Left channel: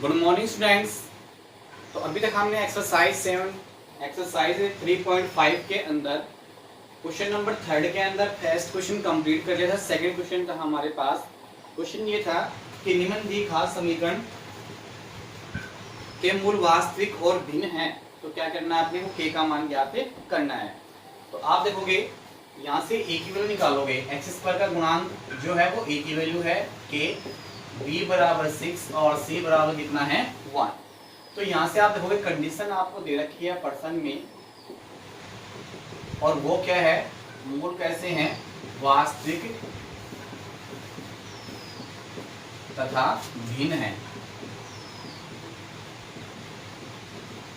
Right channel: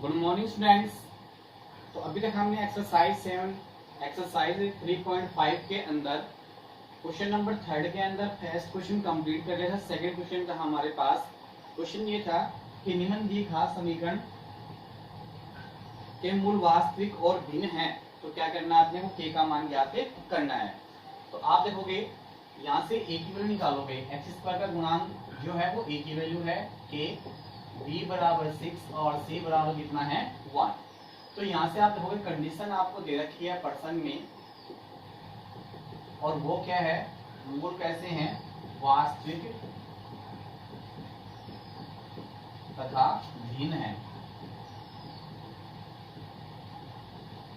Good morning students. तो अभी तक हमने एक्सरसाइज 3.5 के अंदर क्वेश्चन नंबर 3 के अंदर फर्स्ट क्वेश्चन कंप्लीट कर लिया था। सेकंड क्वेश्चन था हमारे पास। क्वेश्चन ये था कि निम्न दी घात समीकरण के मूल वास्तविक और भिन्न हैं, तो क्या करना है आपने को के का मान ज्ञात करना है। तो आप देखोगे यहाँ से ए की वैल्यू निकालोगे, एक्स स्क्वायर का गुणांक जो है वो ए की वैल्यू है के, बी बराबर 6 और सी बराबर कितना है 1। तो यहाँ से आप देखोगे कंडीशन आपको दे रखी है पर्सन में, और वो क्या है, मूल कैसे हैं, वास्तविक तथा भिन्न है।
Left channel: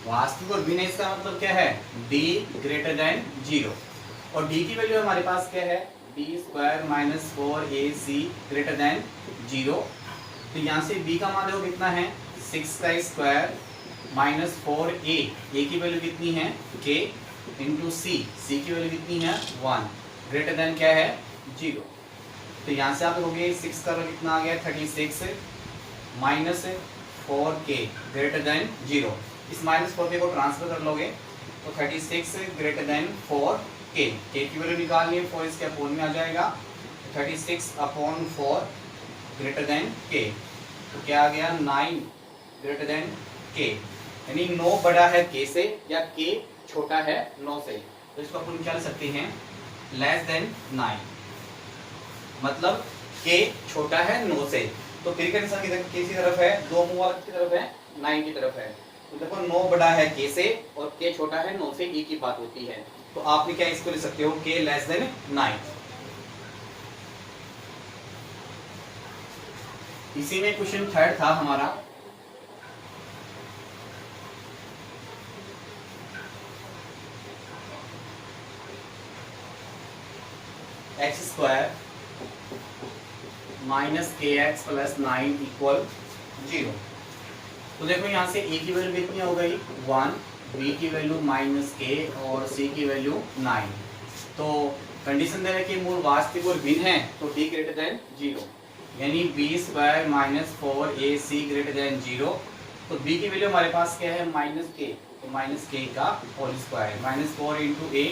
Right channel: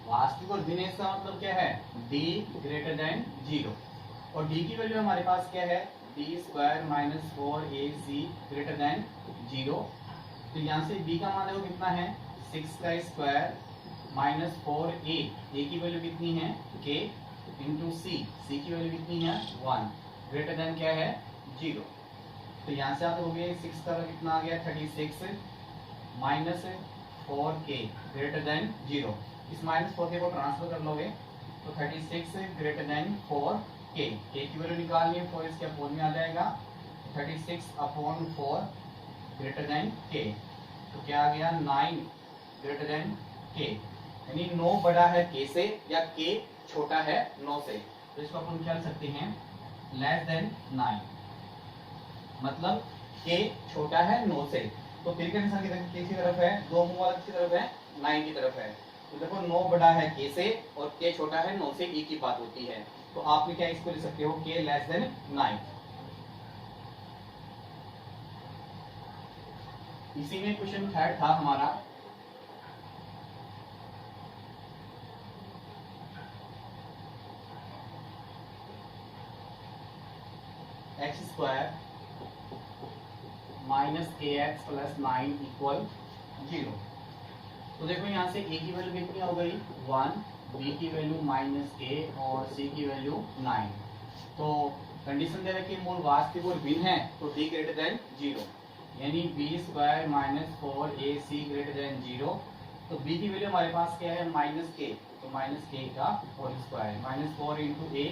वास्तविक और भिन्न इसका मतलब क्या है, d ग्रेटर देन 0, और d की वैल्यू हमारे पास क्या है, b square minus 4ac greater than 0। तो यहाँ से b का मान देखो कितना है, 6 का स्क्वायर माइनस 4a, a की वैल्यू कितनी है k इंटू c, c की वैल्यू कितनी है 1 ग्रेटर देन क्या है 0। तो यहाँ से आप देखोगे 6 का कितना आ गया 36 माइनस 4k ग्रेटर देन 0। इस माइनस 4k को ट्रांसफर कर लोगे तो 36 ग्रेटर देन 4k, k की वैल्यू निकालनी है 4 इसके अपोन में आ जाएगा, 36 अपॉन 4 ग्रेटर देन k, तो क्या आ गया 9 ग्रेटर देन k, यानी 9 बड़ा है k से या k छोटा है 9 से। तो इसको अपन क्या लिख सकते हैं, लेस देन 9, मतलब k छोटा है 9 से। तो k का निशान किसी तरफ है, दो मुंह वाला किसकी तरफ है, 9 की तरफ है। तो देखो 9 बड़ा है k से और k छोटा है 9 से, e की बात होती है। तो आपने क्या इसको लिख सकते हो, k लेस देन 9। इसी में क्वेश्चन 3 था हमारा। एक्स स्क्वायर माइनस के एक्स प्लस 9 इक्वल 0। तो देखो यहाँ से a की वैल्यू कितनी हो गई 1, b की वैल्यू माइनस k और c की वैल्यू 9। तो कंडीशन दे रखी है मूल वास्तविक और भिन्न है, तो d ग्रेटर देन 0, यानी b square minus 4ac greater than 0। तो b की वैल्यू हमारे पास क्या है माइनस k, तो माइनस k का whole square minus 4 into a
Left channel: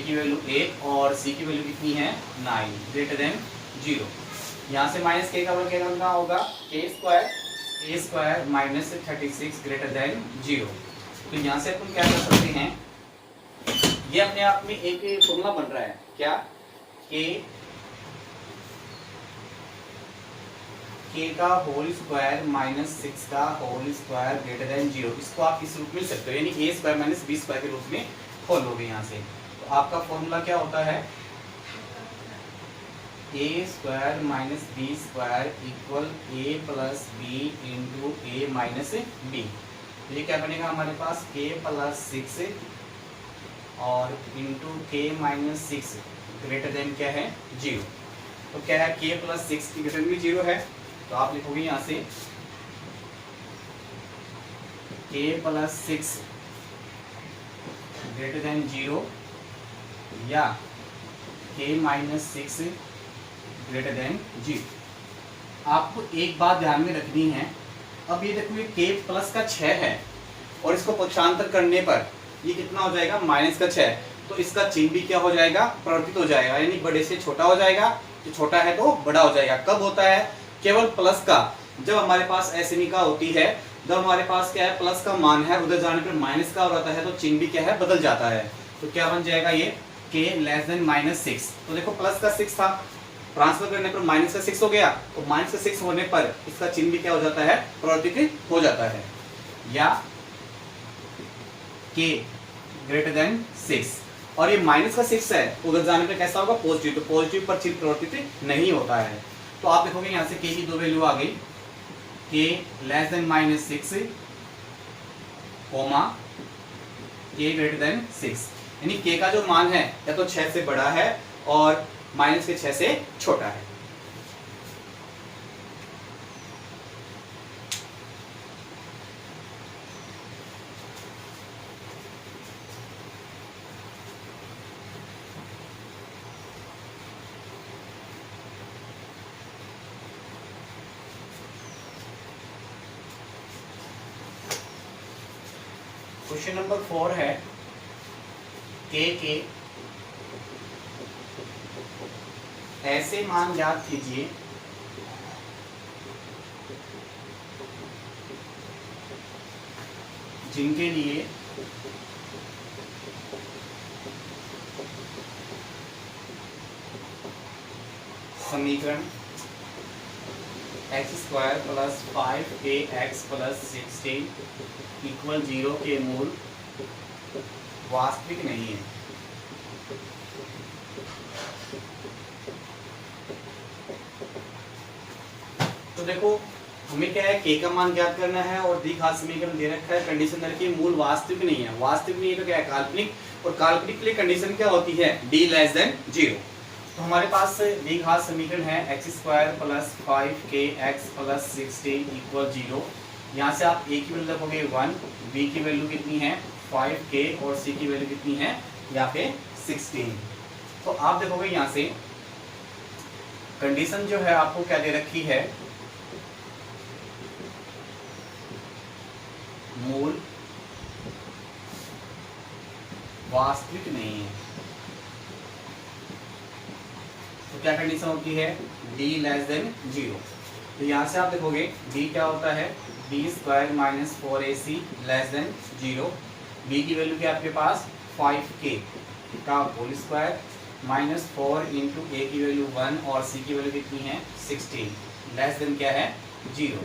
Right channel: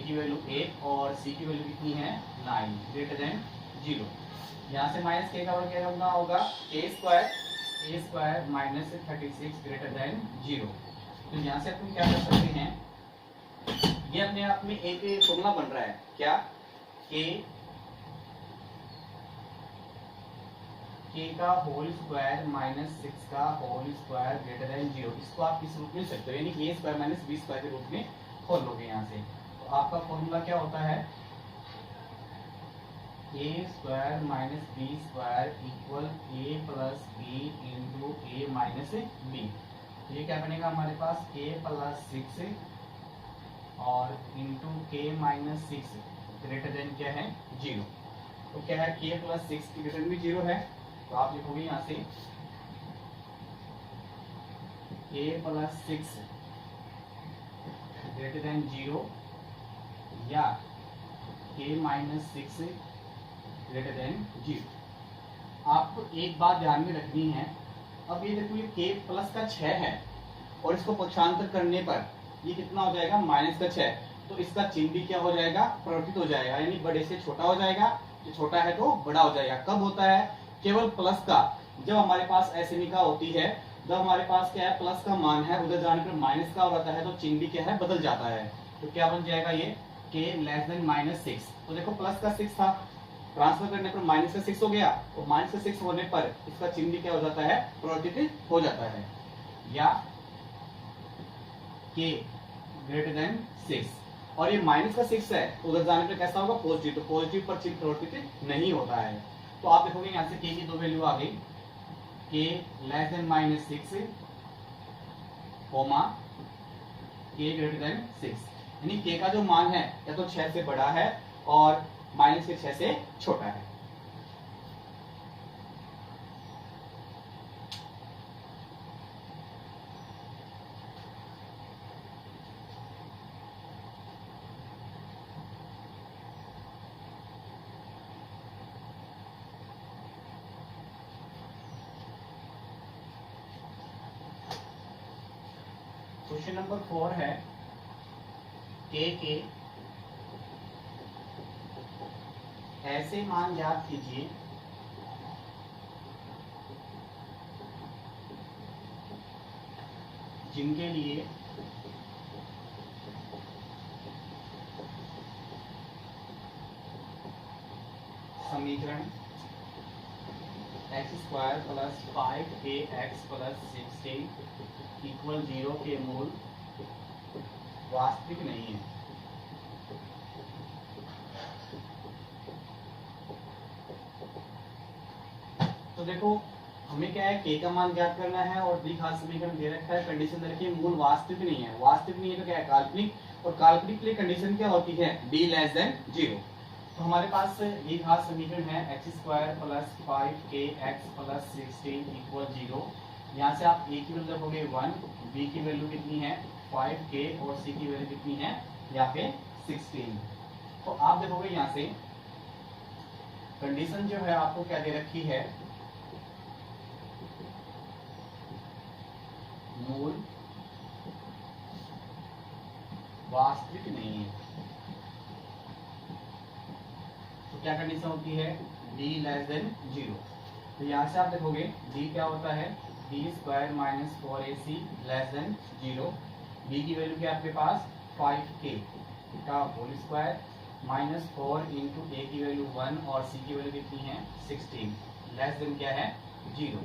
की वैल्यू 8 और c की वैल्यू कितनी है 9 ग्रेटर देन 0। यहाँ से माइनस k का वर्ग क्या होगा, a square minus 36 greater than 0। तो यहाँ से अपन क्या कर सकते हैं, ये अपने आप में एक फॉर्मूला बन रहा है क्या, k का होल स्क्वायर माइनस 6 का होल स्क्वायर ग्रेटर देन 0। इसको आप इस रूप में लिख सकते हो, यानी a square minus b square के रूप में खोल लोगे यहाँ से। तो आपका फॉर्मूला क्या होता है, a square minus B square equal a plus B into A minus B. तो ये क्या बनेगा हमारे पास, k प्लस 6 और into k minus 6 greater than क्या है 0। तो क्या है, k प्लस 6 की ग्रेटर भी 0 है, तो आप लिखोगे यहाँ से k प्लस 6 ग्रेटर देन 0 या k माइनस 6 ग्रेटर देन 0। आपको एक बात ध्यान में रखनी है, अब ये देखो ये k प्लस का 6 है और इसको पक्षांतर करने पर ये कितना हो जाएगा माइनस का 6, तो इसका चिन्ह भी क्या हो जाएगा, परिवर्तित हो जाएगा, यानी बड़े से छोटा हो जाएगा, जो छोटा है तो बड़ा हो जाएगा। कब होता है, केवल प्लस का, जब हमारे पास ऐसे होती है, जब हमारे पास क्या है प्लस का मान है, उधर जाने पर माइनस का हो जाता है, तो चिन्ह भी क्या है बदल जाता है। तो क्या बन जाएगा ये k लेस देन माइनस 6। तो देखो प्लस का 6 था, ट्रांसफर करने पर माइनस का 6 हो गया, तो माइनस का 6 होने पर इसका चिन्ह भी क्या हो जाता है, परिवर्तित हो जाता है। या k ग्रेटर देन 6, और ये माइनस का 6 है, उधर जाने पर कैसा होगा पॉजिटिव, तो पॉजिटिव पर चिन्ह परिवर्तित नहीं होता है। तो आप देखोगे यहाँ से k की दो वैल्यू आ गई, k less than minus 6 comma k greater than 6, यानी k का जो मान है या तो 6 से बड़ा है और माइनस के 6 से छोटा है। क्वेश्चन नंबर 4 है के ऐसे मान ज्ञात कीजिए जिनके लिए समीकरण x square plus 5ax plus 16 equal 0 के मूल वास्तविक नहीं है। तो देखो हमें क्या है, के का मान ज्ञात करना है और दी घात समीकरण दे रखा है, कंडीशन दे रखी है मूल वास्तविक नहीं है। वास्तविक नहीं है तो क्या है, काल्पनिक, और काल्पनिक के लिए कंडीशन क्या होती है, d लेस देन 0। तो हमारे पास दी घात समीकरण है x square plus 5kx plus 16 equal 0। यहाँ से आप a की वैल्यू रखोगे 1, b की वैल्यू कितनी है 5k और c की वैल्यू कितनी है यहाँ पे 16। तो आप देखोगे यहाँ से कंडीशन जो है आपको क्या दे रखी है, मूल वास्तविक नहीं है। तो क्या कंडीशन होती है, d लेस देन 0। तो यहाँ से आप देखोगे d क्या होता है, d square minus 4ac less than 0। b की वैल्यू क्या आपके पास 5k का whole square minus 4 into a की वैल्यू 1 और c की वैल्यू कितनी है 16 लेस देन क्या है 0।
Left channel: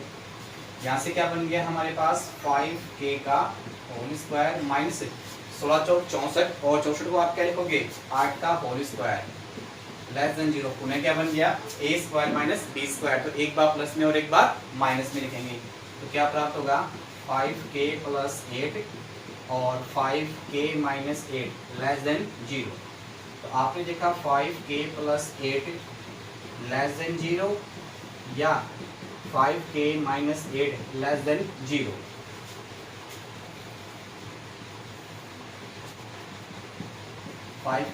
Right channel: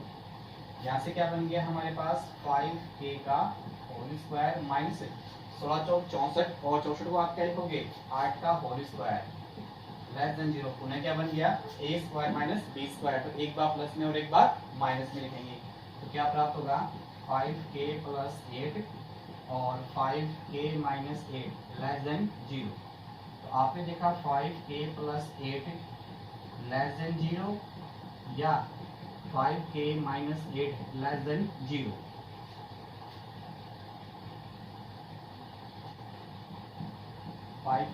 यहाँ से क्या बन गया हमारे पास 5k का होल स्क्वायर माइनस 16 चौक 64 और 64 को आप क्या लिखोगे 8 का होल स्क्वायर लेस देन 0। पुनः क्या बन गया a square minus b square. तो एक बार प्लस में और एक बार माइनस में लिखेंगे तो क्या प्राप्त होगा 5k प्लस 8 और 5k माइनस 8 लेस देन 0। तो आपने देखा 5k प्लस 8 लेस देन 0 या 5k माइनस 8 लेस देन 0।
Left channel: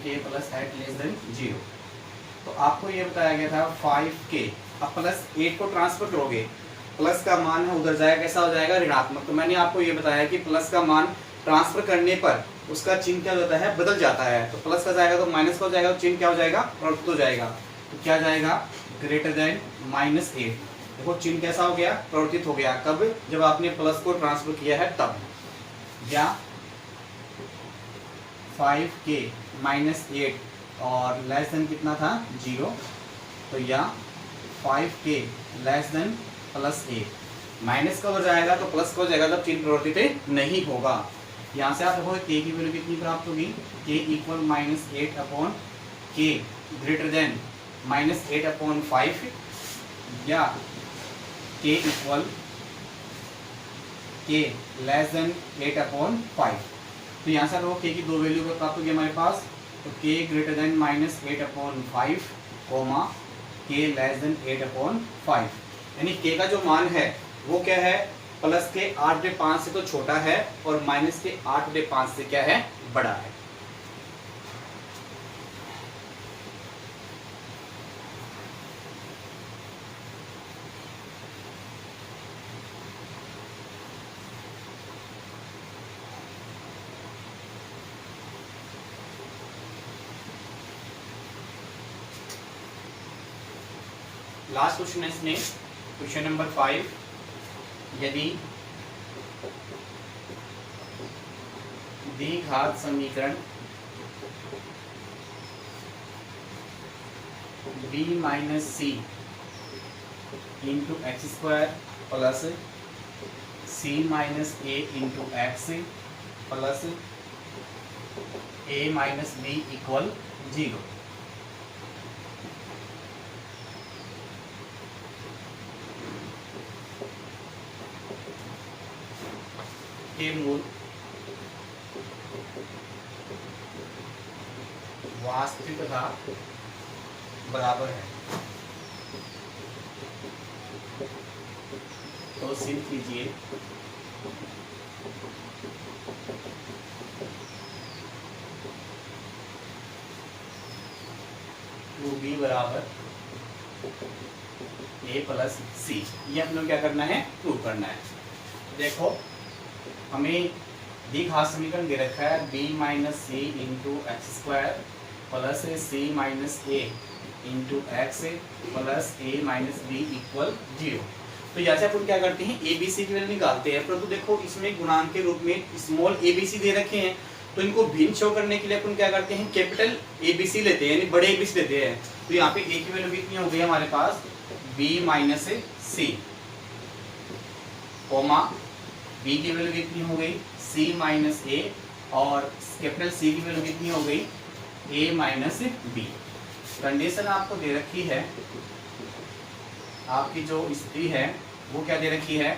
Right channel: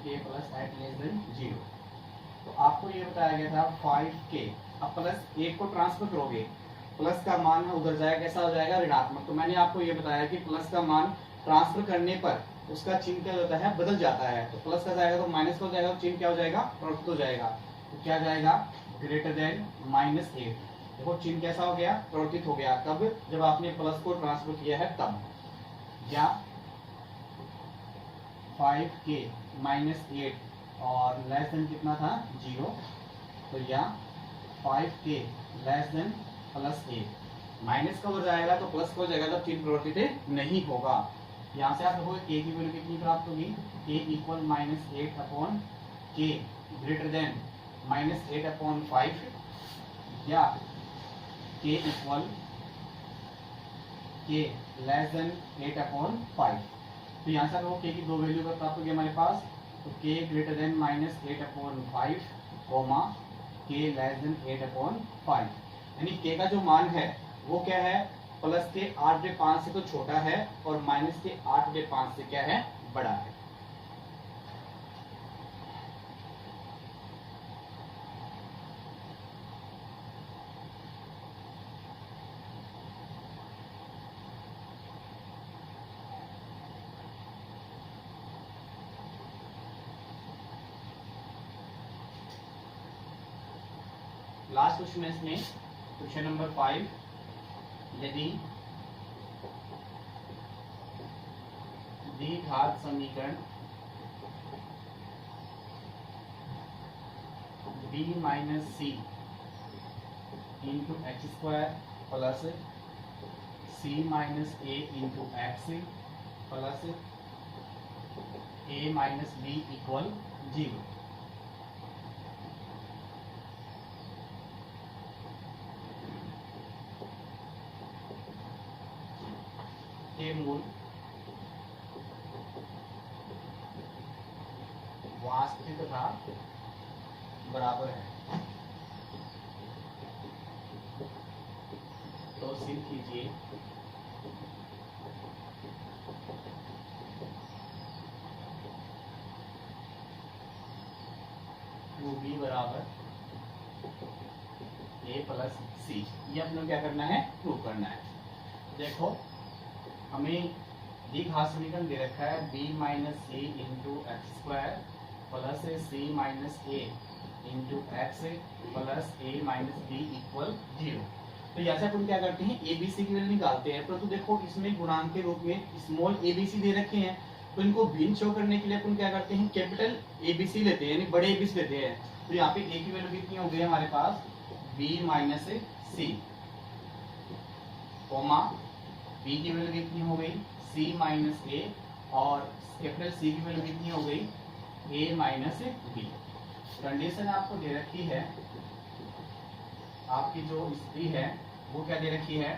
के प्लस 8 लेस देन 0। तो आपको ये बताया गया था 5k, अब प्लस 8 को ट्रांसफर करोगे, प्लस का मान है उधर जाएगा, कैसा हो जाएगा ऋणात्मक। तो मैंने आपको ये बताया कि प्लस का मान ट्रांसफर करने पर उसका चिन्ह क्या होता है, बदल जाता है। तो प्लस का जाएगा तो माइनस का हो जाएगा, तो चिन्ह क्या हो जाएगा, परिवर्तित हो जाएगा। तो क्या जाएगा ग्रेटर देन -8। देखो चिन्ह कैसा हो गया, परिवर्तित हो गया। कब, जब आपने प्लस को ट्रांसफर किया है तब। या 5k माइनस 8 और लेस देन कितना था 0। तो या 5k less than plus 8। Minus का हो जाएगा तो प्लस का हो जाएगा, तब चिन्ह परिवर्तित नहीं होगा। यहाँ से आप देखो k की वैल्यू कितनी प्राप्त होगी, k equal -8 upon k greater than -8 upon 5 या k equal k less than 8 upon 5। तो यहाँ से देखो k की दो वैल्यू प्राप्त होगी हमारे पास। तो k greater than -8 upon 5 comma k less than 8 upon 5। यानी k का जो मान है वो क्या है, प्लस के 8/5 से तो छोटा है और माइनस के 8/5 से क्या है, बड़ा है। लास्ट क्वेश्चन है इसमें, क्वेश्चन नंबर 5। यदि द्विघात समीकरण b minus C into X square plus c minus A into X plus a minus B equal 0। के मूल वास्तविक तथा बराबर है। तो सिद्ध कीजिए टू बी बराबर a प्लस सी। ये अपने क्या करना है, प्रूव करना है। देखो हमें द्विघात समीकरण दे रखा है b minus C into X square plus C minus A into X plus A minus B equal 0। तो यहाँ से अपन क्या करते हैं ए बी सी की वैल्यू निकालते हैं, परंतु देखो इसमें गुणांक के रूप में स्मॉल ए बी सी दे रखे हैं, तो इनको भिन्न शो करने के लिए अपन क्या करते हैं कैपिटल ए बी सी लेते हैं, यानी बड़े ए बी सी लेते हैं। तो यहाँ पे ए की वैल्यू कितनी हो गई हमारे पास b माइनस सी, कोमा b की वैल्यू कितनी हो गई c माइनस ए, और कैपिटल C की वैल्यू कितनी हो गई a माइनस बी। कंडीशन आपको दे रखी है, आपकी जो स्थिति है वो क्या दे रखी है,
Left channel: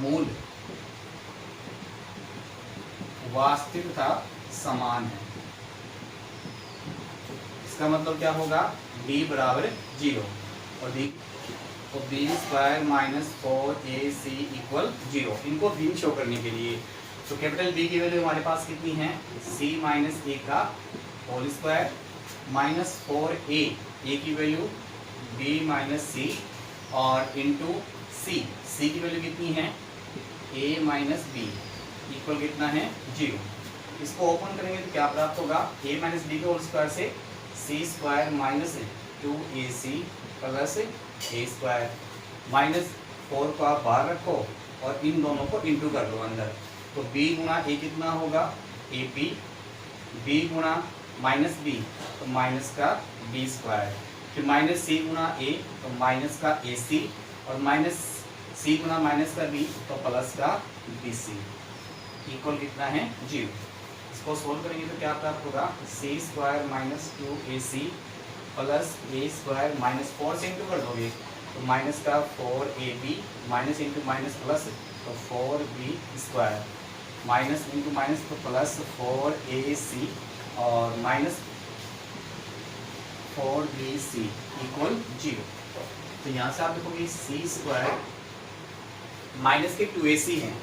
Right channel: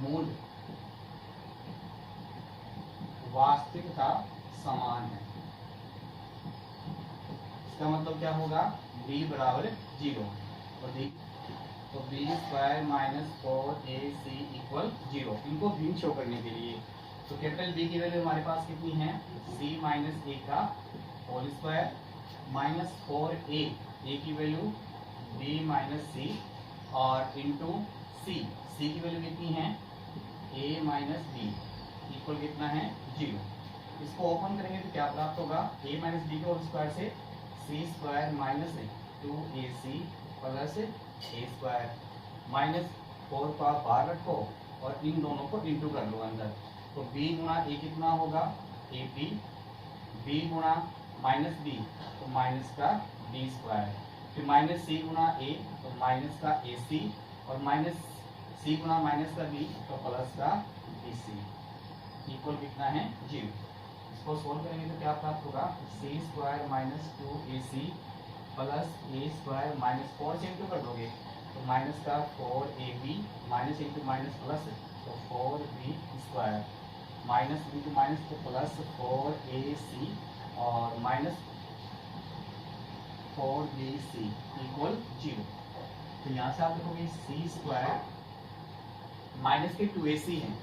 मूल वास्तविक तथा समान है। इसका मतलब क्या होगा b बराबर 0 और d तो B square minus 4ac equal 0। इनको भिन्न शो करने के लिए तो कैपिटल B की वैल्यू हमारे पास कितनी है c माइनस ए का whole square minus 4a, a की वैल्यू b माइनस सी और इंटू c, c की वैल्यू कितनी है a माइनस बी इक्वल कितना है 0। इसको ओपन करेंगे तो क्या प्राप्त होगा a माइनस बी के होल स्क्वायर से c square minus 2ac plus a square, minus 4 को आप बाहर रखो और इन दोनों को इंटू कर लो अंदर, तो b गुणा ए कितना होगा ap, b गुणा माइनस बी तो माइनस का b स्क्वायर, फिर माइनस c गुणा ए तो माइनस का ac, और माइनस c गुणा माइनस का b तो प्लस का bc इक्वल कितना है 0। इसको सोल्व करेंगे तो क्या प्राप्त होगा c square minus 2ac plus a square minus 4 से इंटू कर दोगे तो माइनस का 4ab minus into minus plus तो 4b square minus into minus तो प्लस 4ac और माइनस 4bc इक्वल 0। तो यहाँ से आप देखोगे c स्क्वायर माइनस के 2ac हैं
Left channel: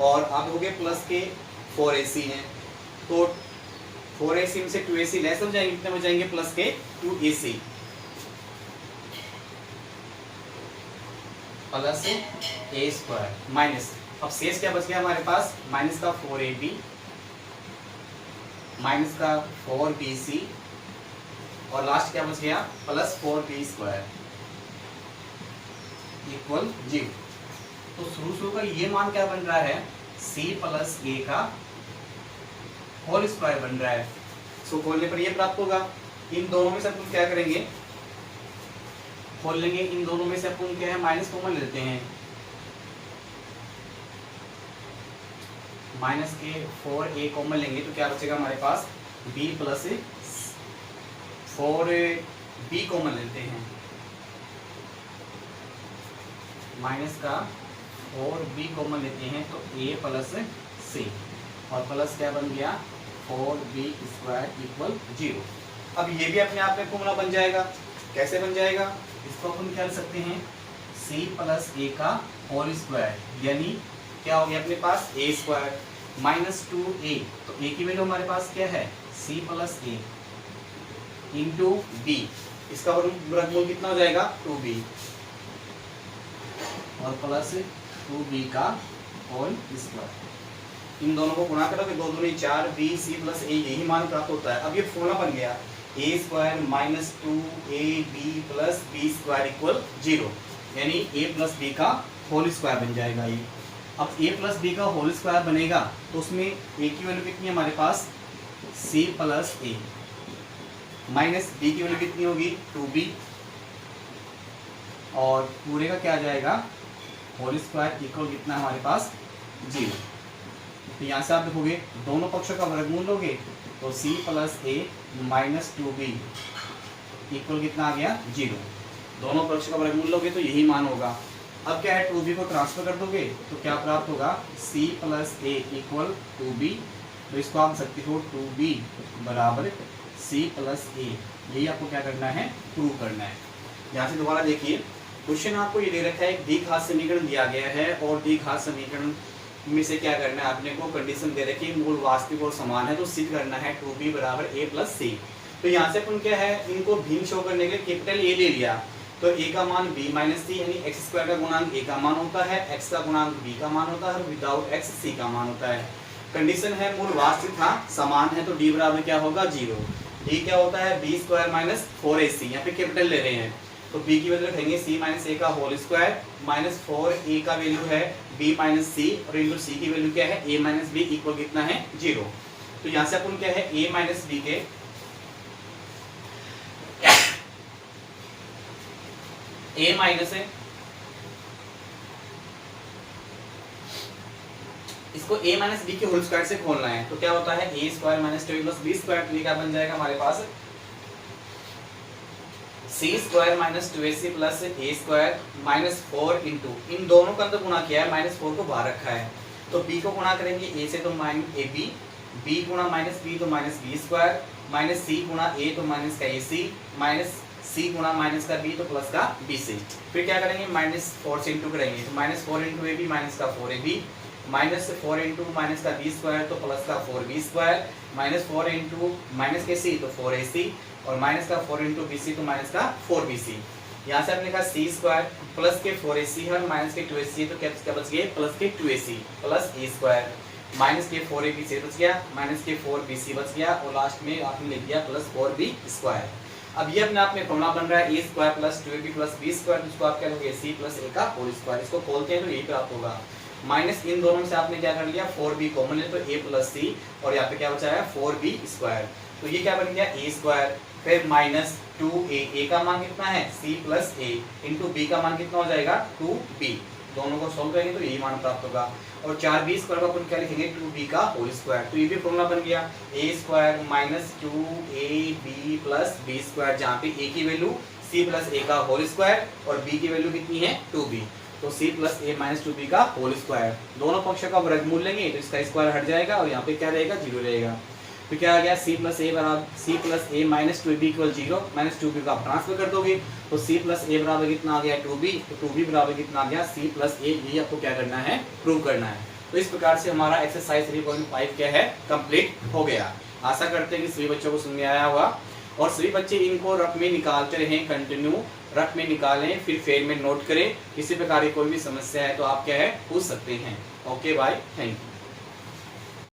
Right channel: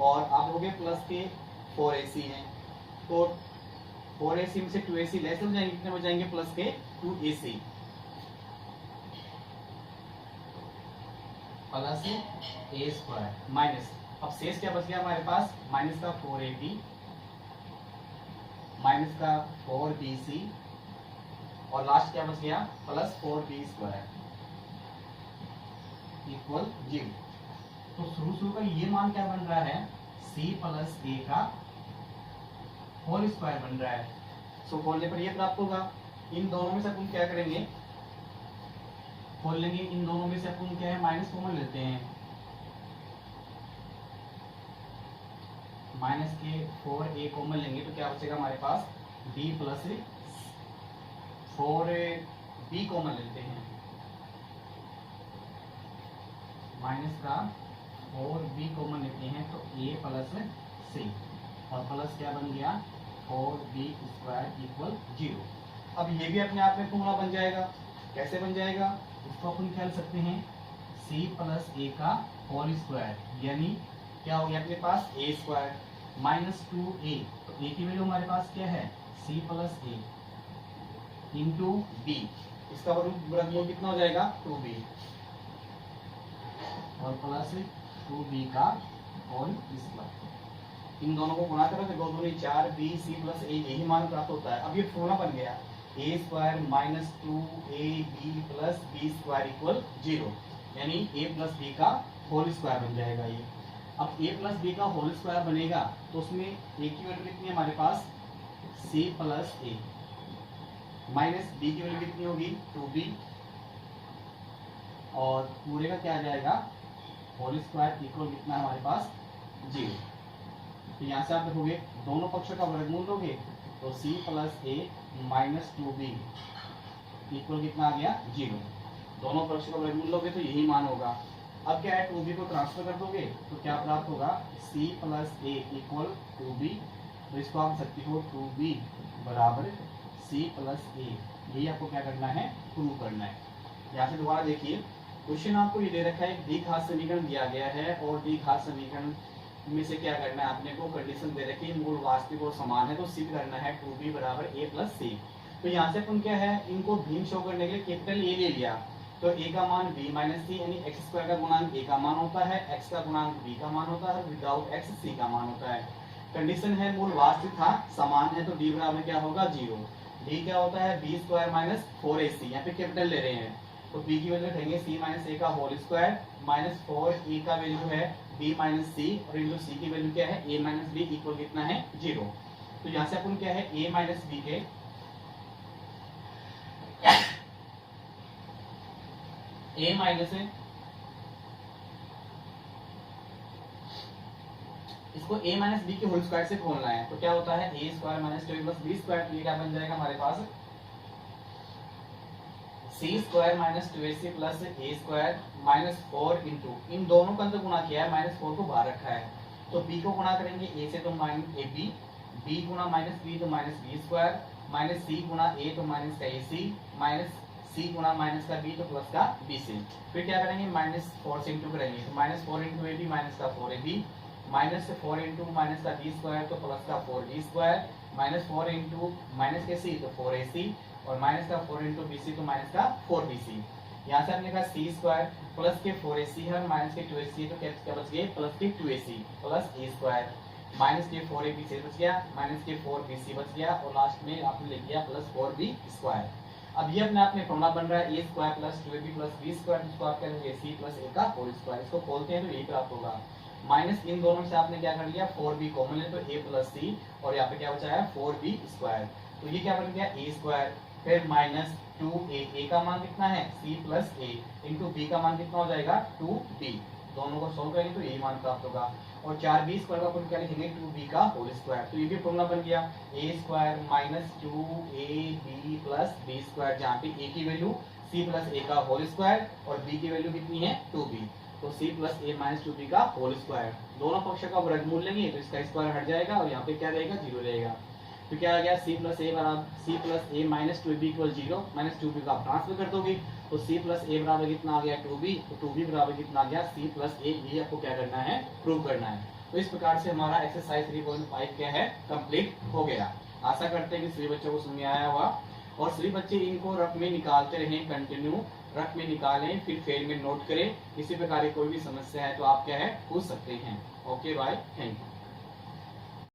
और आप देखोगे प्लस के 4ac हैं, तो 4ac में से 2ac लेस हो जाएंगे, कितने हो जाएंगे प्लस के 2ac plus a square minus, अब शेष क्या बच गया हमारे पास माइनस का 4ab माइनस का 4bc और लास्ट क्या बच गया प्लस 4b स्क्वायर इक्वल 0। तो शुरू का ये मान क्या बन रहा है c प्लस a का होल स्क्वायर बन रहा है। सो खोलने पर ये प्राप्त होगा। इन दोनों में से अपन क्या करेंगे खोल लेंगे, इन दोनों में से अपन क्या है माइनस कॉमन लेते हैं, माइनस के 4a कॉमन लेंगे तो क्या बचेगा हमारे पास b प्लस 4b कॉमन लेते हैं, माइनस का 4b कॉमन लेते हैं तो a प्लस c और प्लस क्या बन गया 4b स्क्वायर इक्वल 0। अब ये भी अपने आप में फॉर्मूला बन जाएगा। कैसे बन जाएगा, इसको अपन क्या लिख सकते हैं c प्लस a का होल स्क्वायर, यानी क्या हो गया अपने पास a स्क्वायर माइनस 2a, तो a की वैल्यू हमारे पास क्या है c plus a into b, इसका वर्गमूल कितना हो जाएगा 2b और प्लस 2b का होल स्क्वायर। इन दोनों को गुणा करोगे 2 दूनी 4 b c प्लस a, यही मान प्राप्त होता है। अब ये फॉर्मूला बन गया a square minus 2ab plus b square equal 0, यानी a प्लस b का होल स्क्वायर बन जाएगा ये। अब a प्लस b का होल स्क्वायर बनेगा तो उसमें a की वैल्यू कितनी है हमारे पास c plus a minus b की वैल्यू कितनी होगी 2b और पूरे का क्या आ जाएगा होल स्क्वायर इक्वल कितना हमारे पास 0। तो यहाँ से आप देखोगे दोनों पक्षों का वर्गमूल लोगे तो c plus a minus 2b equal कितना आ गया 0। दोनों पक्षों का वर्गमूल लोगे तो यही मान होगा। अब क्या है 2b को ट्रांसफर कर दोगे तो क्या प्राप्त होगा c plus a equal 2b, तो इसको आप सकते हो 2b बराबर c प्लस a, यही आपको क्या करना है प्रूव करना है। यहाँ से दोबारा देखिए क्वेश्चन आपको ये दे रखा है, एक द्विघात समीकरण दिया गया है और द्विघात समीकरण में से क्या करना है आपने को कंडीशन दे रखी है मूल वास्तविक और समान है, तो सिद्ध करना है 2b बराबर a प्लस c। तो यहाँ से अपन क्या है इनको भिन्न शो करने के लिए कैपिटल A ले लिया, तो a का मान b माइनस सी, यानी एक्स स्क्वायर का गुणांक a का मान होता है, x का गुणांक b का मान होता है और विदाउट x c का मान होता है। कंडीशन है मूल वास्तविक था समान है, तो डी बराबर क्या होगा 0। डी क्या होता है बी स्क्वायर माइनस 4ac, यहाँ पे कैपिटल ले रहे हैं तो बी की वैल्यू रखेंगे c माइनस ए का होल स्क्वायर माइनस 4a का वैल्यू है b माइनस c और इंटू c की वैल्यू क्या है a माइनस b इक्वल कितना है 0। तो यहाँ से अपन क्या है a माइनस b के a माइनस है इसको a माइनस बी के होल स्क्वायर से खोलना है, तो क्या होता है a square minus 2a plus b square, तो ये क्या बन जाएगा हमारे पास c square minus 2ac plus a square minus 4 into इन दोनों का अंदर गुणा किया है माइनस 4 को बाहर रखा है, तो b को गुणा करेंगे a से तो माइनस ab, b गुणा माइनस b तो minus b square minus c गुणा a तो माइनस का ac माइनस c गुणा माइनस का b तो प्लस का bc। फिर क्या करेंगे माइनस 4 से इंटू करेंगे, तो minus 4 into A B minus का 4ab माइनस 4 इंटू माइनस का b स्क्वायर तो प्लस का 4b square minus 4 into minus के c तो 4ac और माइनस का 4 इंटू bc तो माइनस का 4bc। यहाँ से हमने लिखा c स्क्वायर प्लस के 4ac है माइनस के 2ac तो क्या बच गया प्लस के 2ac plus a square minus के 4ab से बच गया माइनस के 4bc बच गया और लास्ट में आपने लिख दिया प्लस 4b स्क्वायर। अब ये अपने आप में फॉर्मूला बन रहा है a square plus 2ab plus b square, जिसको आप क्या लोगे c प्लस a का होल स्क्वायर। इसको खोलते हैं तो यही प्राप्त होगा माइनस इन दोनों से आपने क्या कर लिया 4b कॉमन है तो a प्लस c और यहाँ पे क्या बचा है 4b स्क्वायर, तो ये क्या बन गया a स्क्वायर फिर माइनस 2a, a का मान कितना है c plus a into b का मान कितना हो जाएगा 2b, दोनों को सोल्व करेंगे तो यही मान प्राप्त होगा। और 4b स्क्वायर का अपन क्या लिखेंगे 2b का होल स्क्वायर, तो ये भी फॉर्मूला बन गया a square minus 2ab plus b square, जहाँ पे a की वैल्यू c प्लस a का होल स्क्वायर और b की वैल्यू कितनी है 2b, तो c plus a minus 2b का होल स्क्वायर। दोनों पक्षों का वर्गमूल लेंगे तो इसका स्क्वायर हट जाएगा और यहाँ पे क्या रहेगा 0 रहेगा, तो क्या आ गया c प्लस a बराबर c plus a minus 2b equal 0 minus 2b का आप ट्रांसफर कर दोगे तो c प्लस a बराबर कितना आ गया 2b, तो 2b बराबर कितना आ गया c प्लस a, ये आपको क्या करना है प्रूव करना है। तो इस प्रकार से हमारा एक्सरसाइज 3.5 क्या है कंप्लीट हो गया। आशा करते हैं कि सभी बच्चों को समझ में आया होगा और सभी बच्चे इनको रफ में निकालते रहें, कंटिन्यू रफ में निकालें, फिर फेल में नोट करें। किसी प्रकार की कोई भी समस्या है तो आप क्या है पूछ सकते हैं। Okay bye, thank you.